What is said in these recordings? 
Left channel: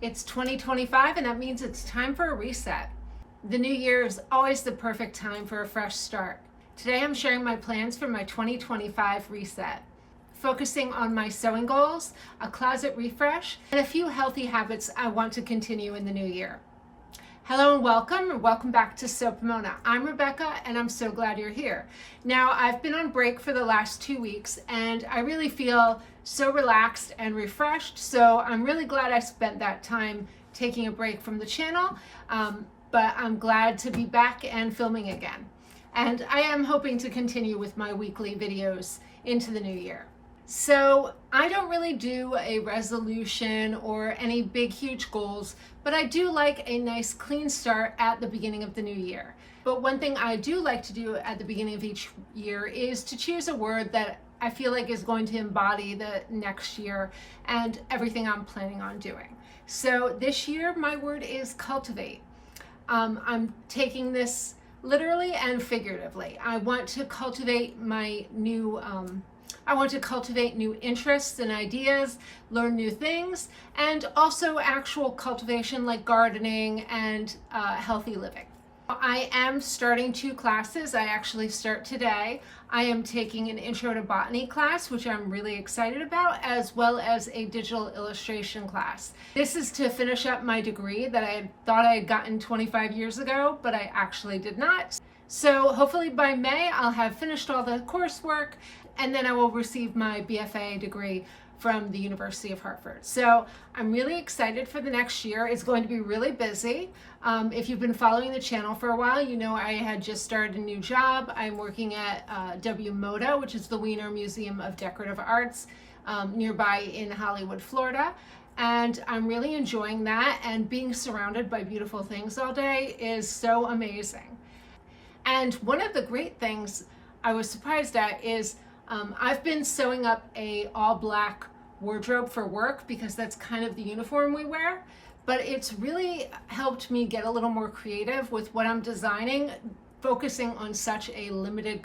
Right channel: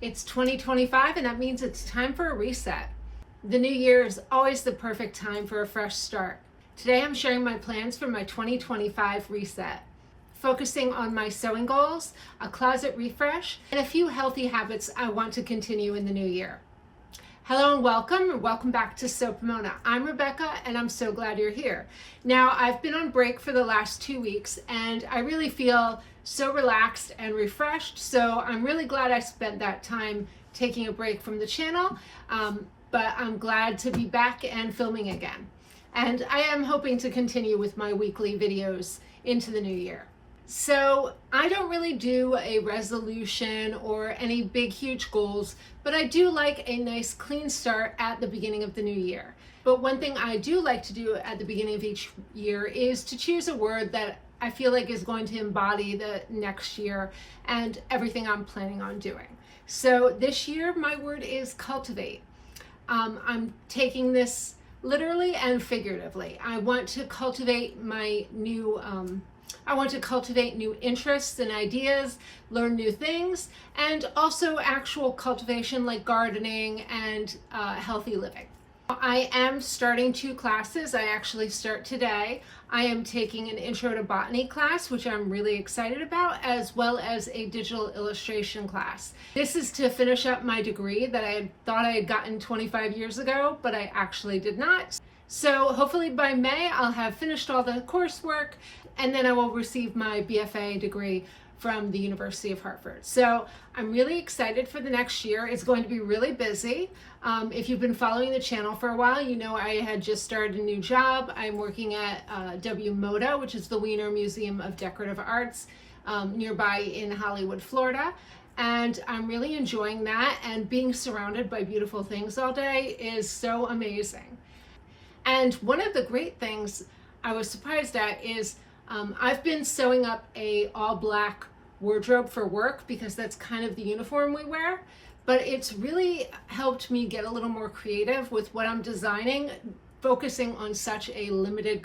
It's 2025 and that means it's time for a reset. The new year is always the perfect time for a fresh start. Today I'm sharing my plans for my 2025 reset, focusing on my sewing goals, a closet refresh, and a few healthy habits I want to continue in the new year. Hello and welcome back to Sew Pomona. I'm Rebecca and I'm so glad you're here. Now, I've been on break for the last 2 weeks and I really feel so relaxed and refreshed, so I'm really glad I spent that time taking a break from the channel, but I'm glad to be back and filming again. And I am hoping to continue with my weekly videos into the new year. So I don't really do a resolution or any big, huge goals, but I do like a nice clean start at the beginning of the new year. But one thing I do like to do at the beginning of each year is to choose a word that I feel like is going to embody the next year and everything I'm planning on doing. So this year, my word is cultivate. I'm taking this literally and figuratively. I want to cultivate new interests and ideas, learn new things, and also actual cultivation like gardening and healthy living. I am starting 2 classes. I actually start today. I am taking an intro to botany class, which I'm really excited about, as well as a digital illustration class. This is to finish up my degree that I thought I had gotten 25 years ago, but I actually did not. So hopefully by May, I'll have finished all the coursework and then I will receive my BFA degree from the University of Hartford. So I'm really excited for the next year. It's going to be really busy. If you've been following the channel for a while, you know I had just started a new job. I'm working at WMODA, which is the Wiener Museum of Decorative Arts, nearby in Hollywood, Florida. And I'm really enjoying that, and being surrounded by beautiful things all day is so amazing. And one of the great things I was surprised at is I've been sewing up a all black wardrobe for work because that's kind of the uniform we wear, but it's really helped me get a little more creative with what I'm designing, focusing on such a limited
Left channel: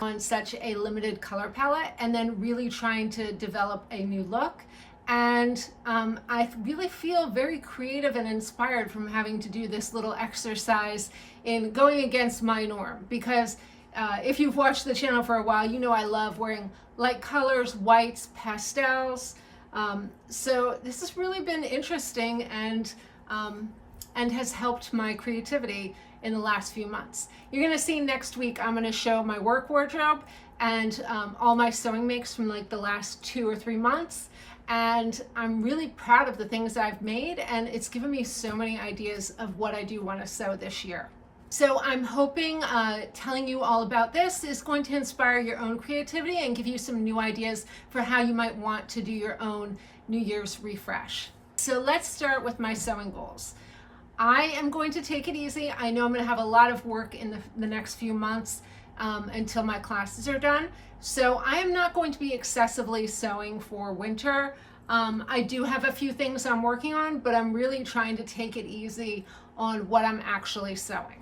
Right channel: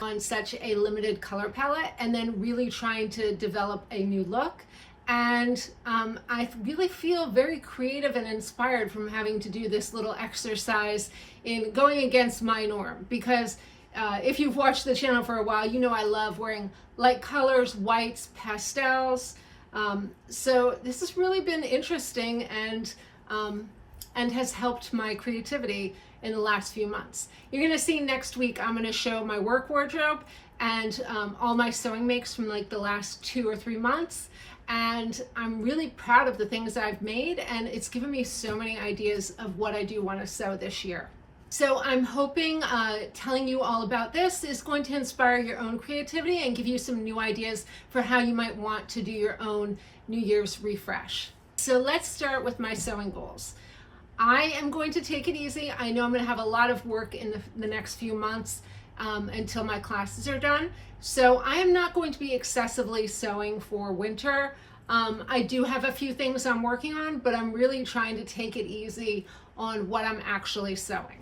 color palette and then really trying to develop a new look. And I really feel very creative and inspired from having to do this little exercise in going against my norm, because if you've watched the channel for a while, you know I love wearing light colors, whites, pastels. So this has really been interesting and has helped my creativity in the last few months. You're gonna see next week, I'm gonna show my work wardrobe and all my sewing makes from like the last 2 or 3 months. And I'm really proud of the things I've made, and it's given me so many ideas of what I do want to sew this year. So I'm hoping telling you all about this is going to inspire your own creativity and give you some new ideas for how you might want to do your own New Year's refresh. So let's start with my sewing goals. I am going to take it easy. I know I'm going to have a lot of work in the next few months until my classes are done. So I am not going to be excessively sewing for winter. I do have a few things I'm working on, but I'm really trying to take it easy on what I'm actually sewing.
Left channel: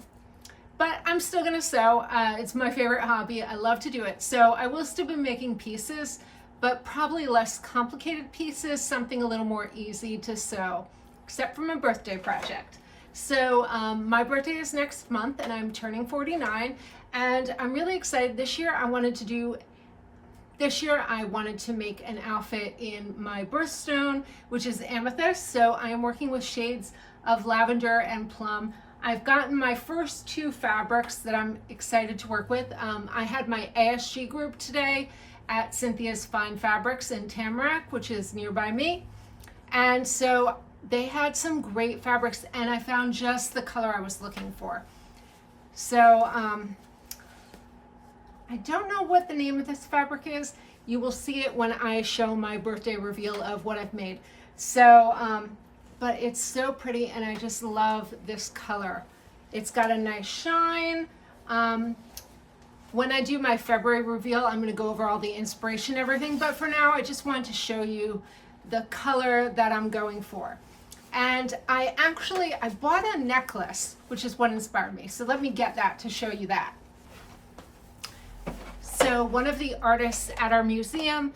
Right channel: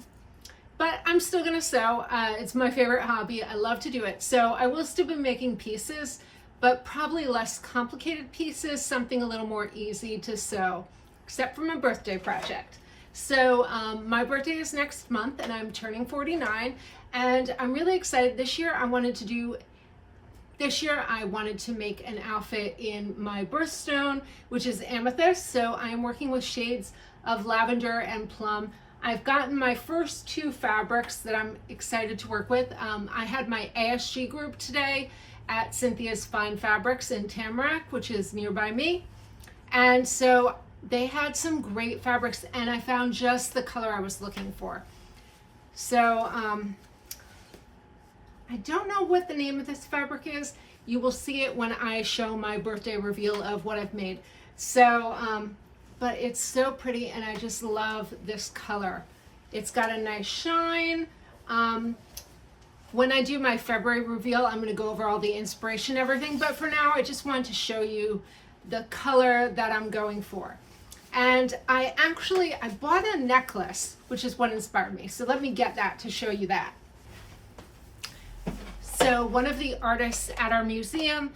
But I'm still gonna sew. It's my favorite hobby. I love to do it. So I will still be making pieces, but probably less complicated pieces, something a little more easy to sew, except for my birthday project. So my birthday is next month and I'm turning 49, and I'm really excited. This year I wanted to make an outfit in my birthstone, which is amethyst. So I am working with shades of lavender and plum. I've gotten my first 2 fabrics that I'm excited to work with. I had my ASG group today at Cynthia's Fine Fabrics in Tamarack, which is nearby me. And so they had some great fabrics and I found just the color I was looking for. So I don't know what the name of this fabric is. You will see it when I show my birthday reveal of what I've made. So, but it's so pretty and I just love this color. It's got a nice shine. When I do my February reveal, I'm gonna go over all the inspiration and everything, but for now, I just wanted to show you the color that I'm going for. And I bought a necklace, which is what inspired me. So let me get that to show you that. So one of the artists at our museum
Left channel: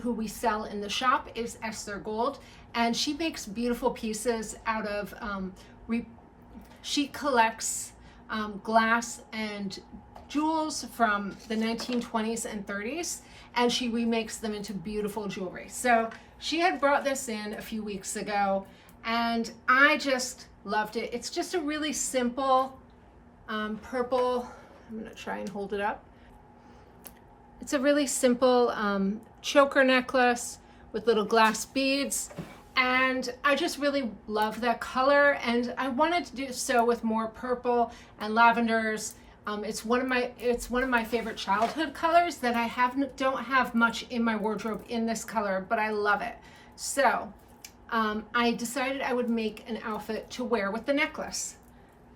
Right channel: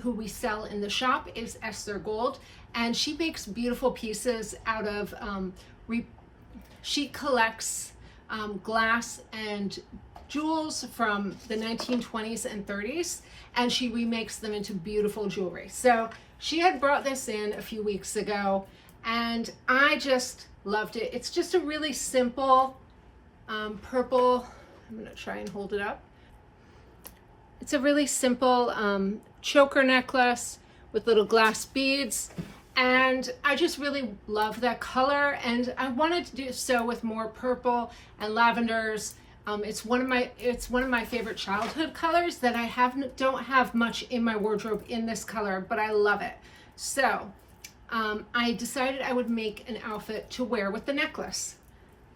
who we sell in the shop is Esther Gold. and she makes beautiful pieces out of, she collects glass and jewels from the 1920s and 30s, and she remakes them into beautiful jewelry. So she had brought this in a few weeks ago, and I just loved it. It's just a really simple purple, I'm gonna try and hold it up. It's a really simple choker necklace with little glass beads, and I just really love that color, and I wanted to do so with more purple and lavenders. It's one of my favorite childhood colors that I don't have much in my wardrobe in this color, but I love it. So I decided I would make an outfit to wear with the necklace,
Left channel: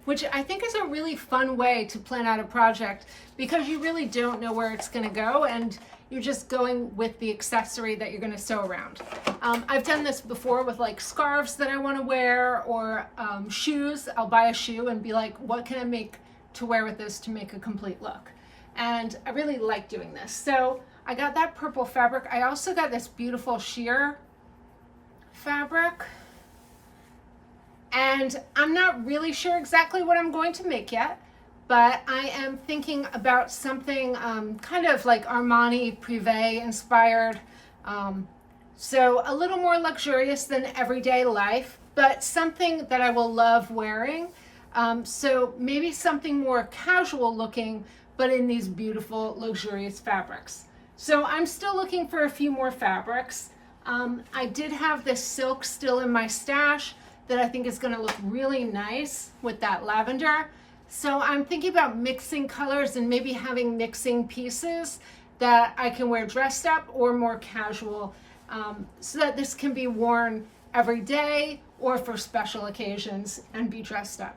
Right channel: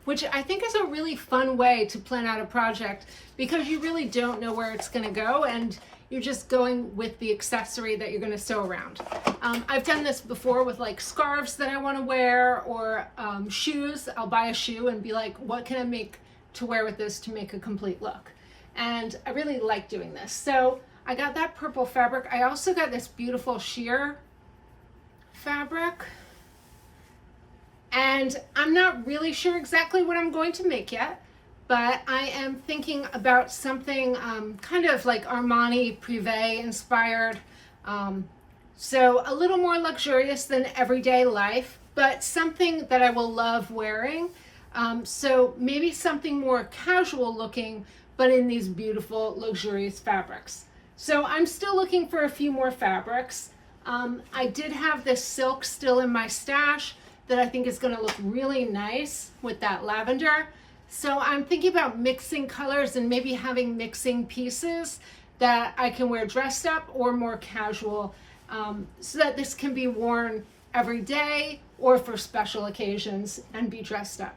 which I think is a really fun way to plan out a project, because you really don't know where it's gonna go, and you're just going with the accessory that you're gonna sew around. I've done this before with like scarves that I wanna wear, or shoes. I'll buy a shoe and be like, what can I make to wear with this to make a complete look? And I really like doing this. So I got that purple fabric. I also got this beautiful sheer fabric, and I'm not really sure exactly what I'm going to make yet, but I am thinking about something kind of like Armani Privé inspired. So a little more luxurious than everyday life, but something that I will love wearing. So maybe something more casual looking, but in these beautiful luxurious fabrics. So I'm still looking for a few more fabrics. I did have this silk still in my stash that I think is going to look really nice with that lavender. So I'm thinking about mixing colors and maybe having mixing pieces that I can wear dressed up or more casual, so that this can be worn every day or for special occasions and be dressed up.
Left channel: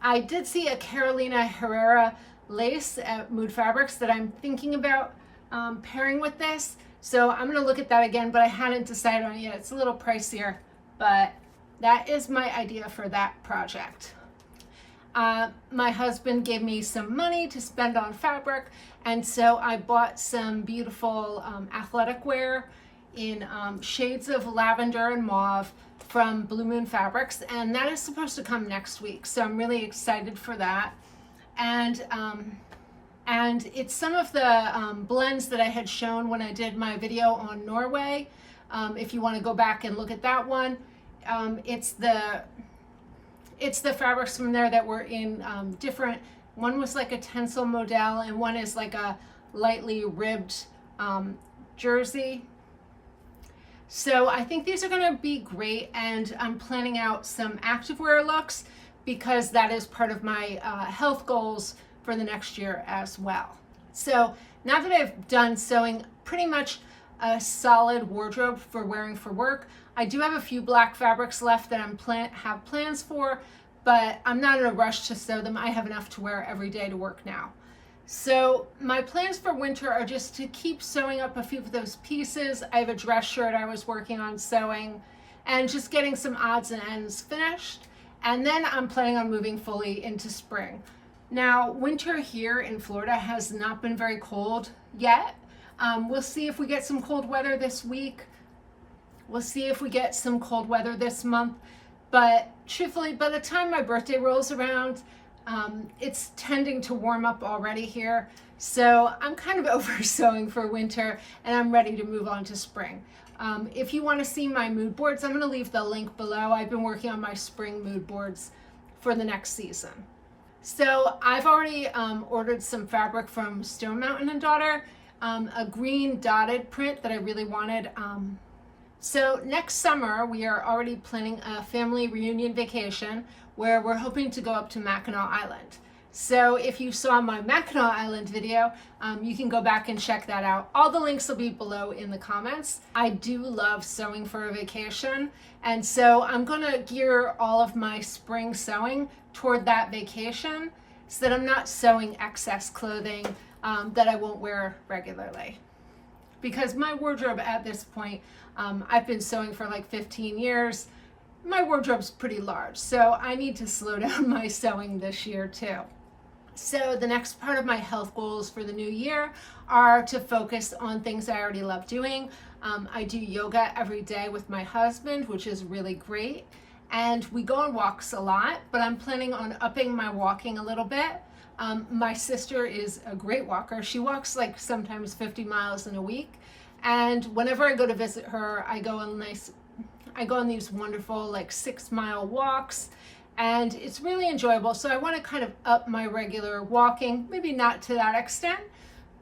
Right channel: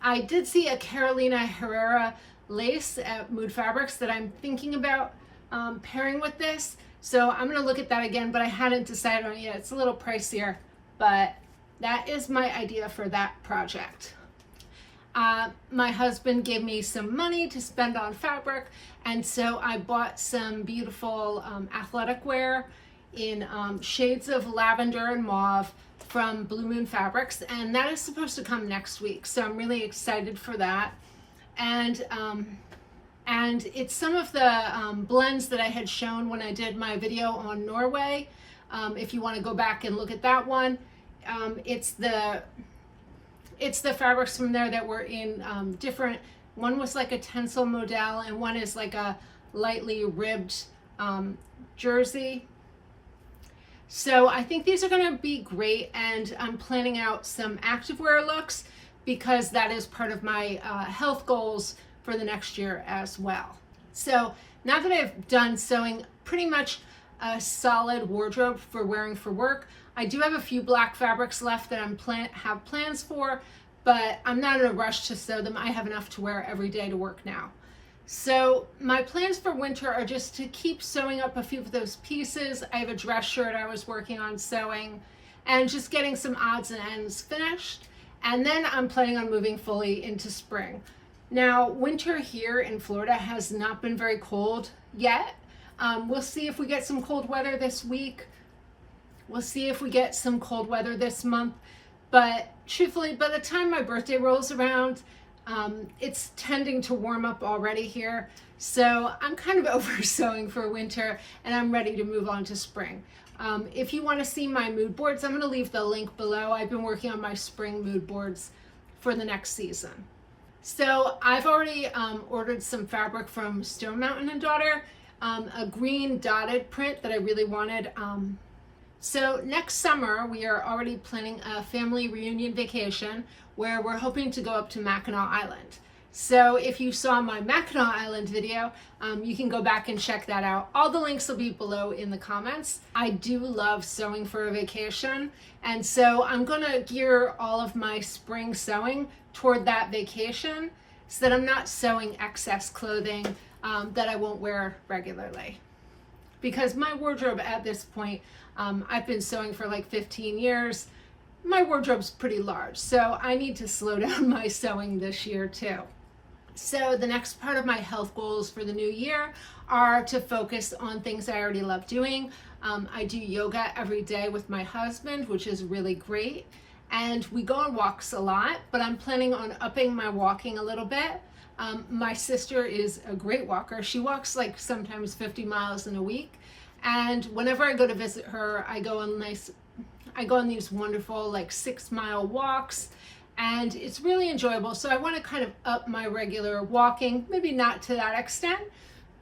I did see a Carolina Herrera lace at Mood Fabrics that I'm thinking about pairing with this. So I'm gonna look at that again, but I hadn't decided on it yet. It's a little pricier, but that is my idea for that project. My husband gave me some money to spend on fabric, and so I bought some beautiful athletic wear in shades of lavender and mauve from Blue Moon Fabrics, and that is supposed to come next week, so I'm really excited for that. And it's some of the blends that I had shown when I did my video on Norway. If you want to go back and look at that one, it's the fabrics from there that were in different. One was like a tencel model, and one is like a lightly ribbed jersey. So I think these are going to be great, and I'm planning out some activewear looks because that is part of my health goals for the next year as well. So now that I've done sewing pretty much a solid wardrobe for wearing for work, I do have a few black fabrics left that have plans for, but I'm not in a rush to sew them. I have enough to wear every day to work now. So my plans for winter are just to keep sewing up a few of those pieces. I have a dress shirt I was working on sewing, and just getting some odds and ends finished. And then I'm planning on moving fully into spring. Now, winter here in Florida has not been very cold yet. We'll see if we get some cold weather this week. We'll see if we get some cold weather this month. But truthfully, by the time my birthday rolls around, it's tending to warm up already here. So I'm kind of over sewing for winter, and I'm ready to move on to spring. If you want to see my mood boards, I'm going to leave the link below. I've been working on my spring mood boards for the next season. So I've already ordered some fabric from Stone Mountain & Daughter, a green dotted print that I really wanted. So next summer, we are already planning a family reunion vacation where we're hoping to go up to Mackinac Island. So if you saw my Mackinac Island video, you can go back and check that out. All the links will be below in the comments. I do love sewing for a vacation, and so I'm gonna gear all of my spring sewing toward that vacation so that I'm not sewing excess clothing that I won't wear regularly. Because my wardrobe at this point, I've been sewing for like 15 years. My wardrobe's pretty large, so I need to slow down my sewing this year too. So the next part of my health goals for the new year are to focus on things I already love doing. I do yoga every day with my husband, which is really great. And we go on walks a lot, but I'm planning on upping my walking a little bit. My sister is a great walker. She walks like sometimes 50 miles in a week. And whenever I go to visit her, I go on these wonderful like 6-mile walks, and it's really enjoyable. So I want to kind of up my regular walking, maybe not to that extent,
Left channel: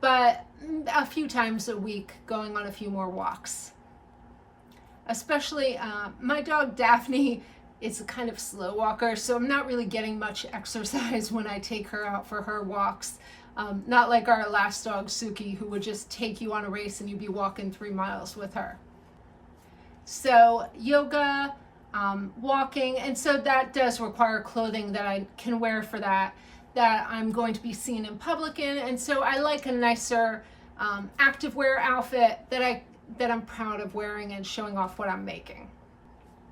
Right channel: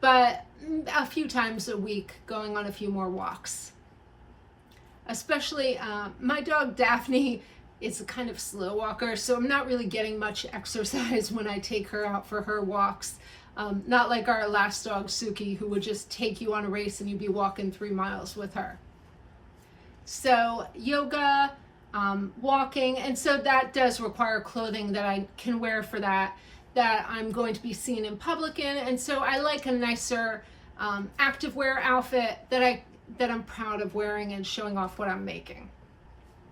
but a few times a week going on a few more walks. Especially my dog Daphne is a kind of slow walker, so I'm not really getting much exercise when I take her out for her walks. Not like our last dog Suki, who would just take you on a race and you'd be walking 3 miles with her. So yoga, walking, and so that does require clothing that I can wear for that I'm going to be seen in public in. And so I like a nicer activewear outfit that I'm proud of wearing and showing off what I'm making.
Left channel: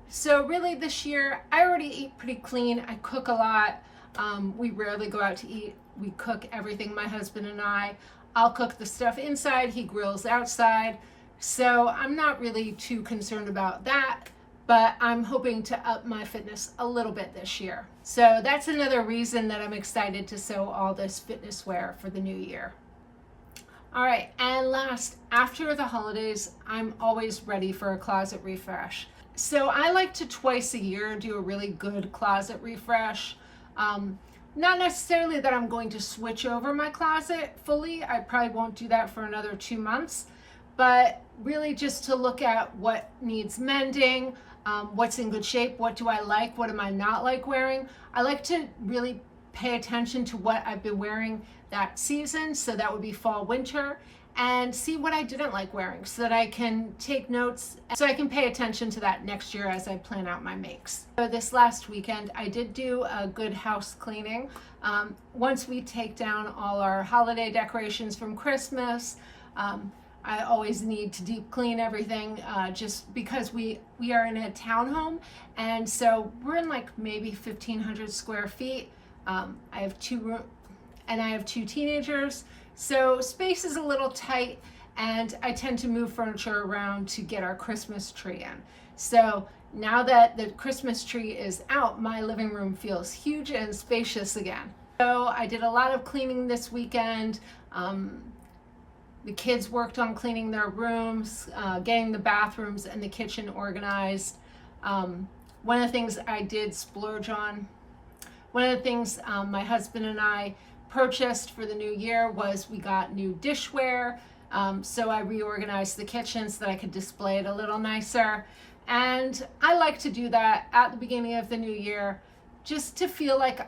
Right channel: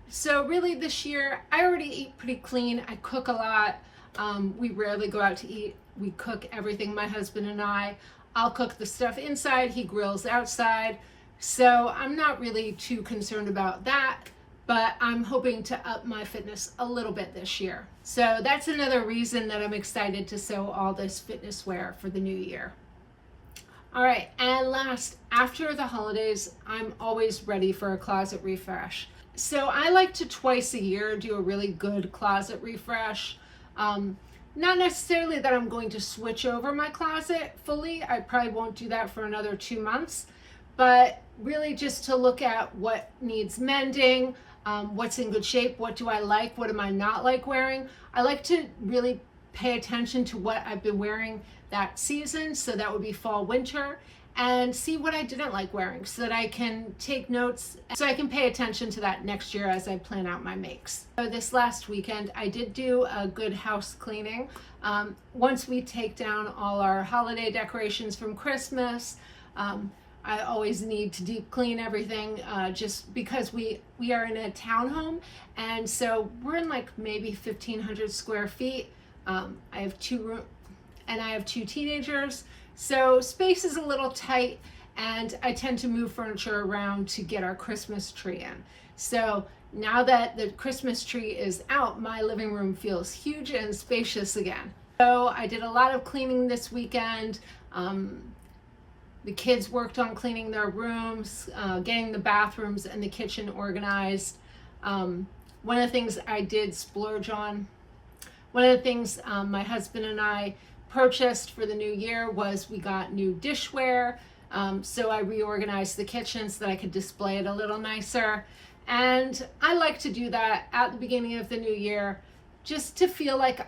So really this year, I already eat pretty clean. I cook a lot. We rarely go out to eat. We cook everything, my husband and I. I'll cook the stuff inside, he grills outside. So I'm not really too concerned about that, but I'm hoping to up my fitness a little bit this year. So that's another reason that I'm excited to sew all this fitness wear for the new year. All right, and last, after the holidays, I'm always ready for a closet refresh. So I like to twice a year do a really good closet refresh. Not necessarily that I'm going to switch over my closet fully. I probably won't do that for another 2 months, but really just to look at what needs mending, what's in good shape, what do I like, what am I not like wearing. I like to really pay attention to what I've been wearing that season, so that would be fall, winter, and see what I didn't like wearing so that I can take notes, so I can pay attention to that next year as I plan out my makes. So this last weekend, I did do a good house cleaning. Once we take down all our holiday decorations from Christmas, I always need to deep clean everything just because we are in a townhome, and so we're in like maybe 1,500 square feet. I have 2 rooms and I have 2 teenagers. So space is a little tight, and I tend to move furniture around to get our Christmas tree in. So now that the Christmas tree is out, my living room feels huge and spacious again. So I did a lot of cleaning this weekend. The kids worked on cleaning their rooms, getting the bathrooms and the kitchen organized. One of the things I did splurge on, one of the things my husband and I purchased for the new year was we got new dishware. So I reorganized the kitchen so that I could display it a little nicer. And I like to do that at the beginning of the new year, just to feel like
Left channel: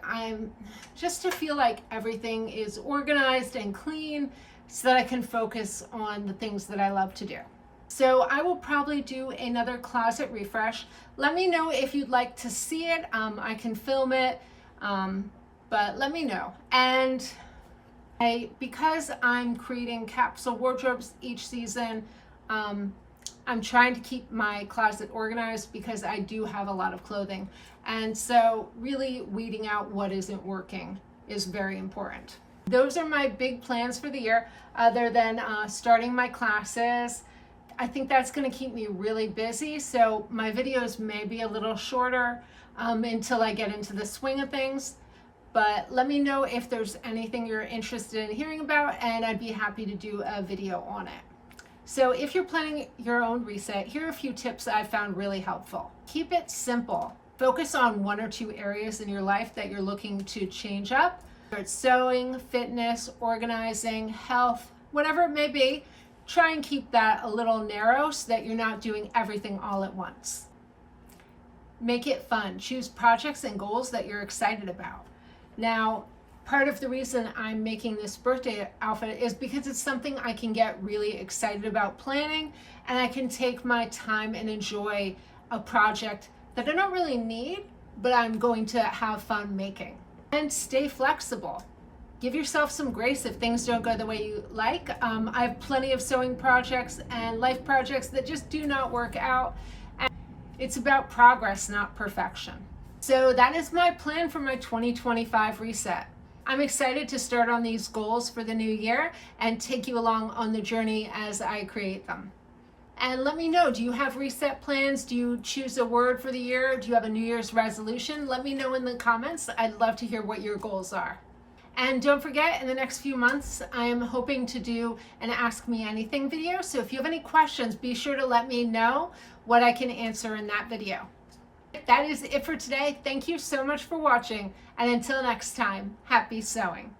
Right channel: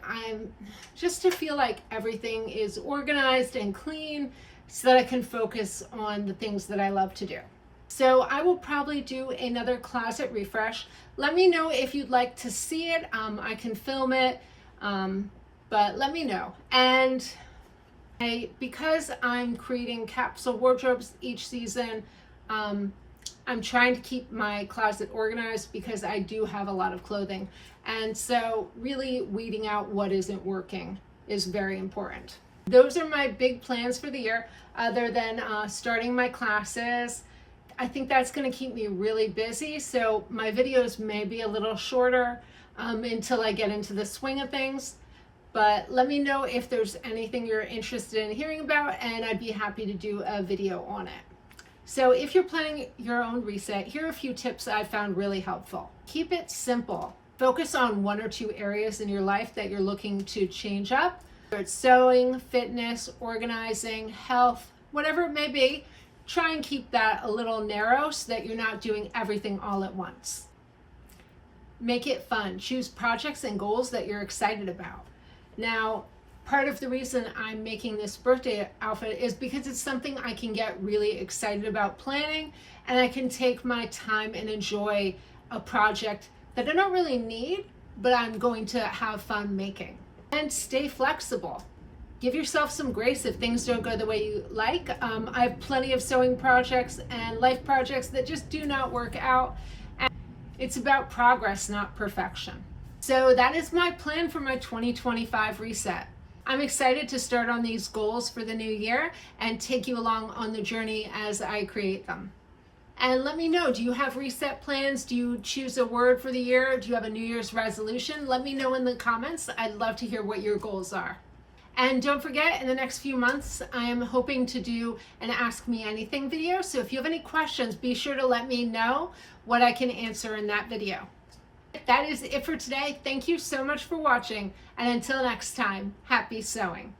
everything is organized and clean so that I can focus on the things that I love to do. So I will probably do another closet refresh. Let me know if you'd like to see it. I can film it. But let me know. And because I'm creating capsule wardrobes each season, I'm trying to keep my closet organized because I do have a lot of clothing. And so really weeding out what isn't working is very important. Those are my big plans for the year, other than starting my classes. I think that's going to keep me really busy. So my videos may be a little shorter until I get into the swing of things. But let me know if there's anything you're interested in hearing about, and I'd be happy to do a video on it. So if you're planning your own reset, here are a few tips I found really helpful. Keep it simple. Focus on 1 or 2 areas in your life that you're looking to change up. Whether it's sewing, fitness, organizing, health, whatever it may be, try and keep that a little narrow so that you're not doing everything all at once. Make it fun. Choose projects and goals that you're excited about. Now, part of the reason I'm making this birthday outfit is because it's something I can get really excited about planning, and I can take my time and enjoy a project that I don't really need, but I'm going to have fun making. And stay flexible. Give yourself some grace if things don't go the way you like. I have plenty of sewing projects and life projects that just do not work out. And it's about progress, not perfection. So that is my plan for my 2025 reset. I'm excited to start on these goals for the new year and take you along on the journey as I create them. And let me know, do you have reset plans? Do you choose a word for the year? Do you have a New Year's resolution? Let me know in the comments. I'd love to hear what your goals are. And don't forget, in the next few months, I am hoping to do an Ask Me Anything video. So if you have any questions, be sure to let me know what I can answer in that video. That is it for today. Thank you so much for watching. And until next time, happy sewing.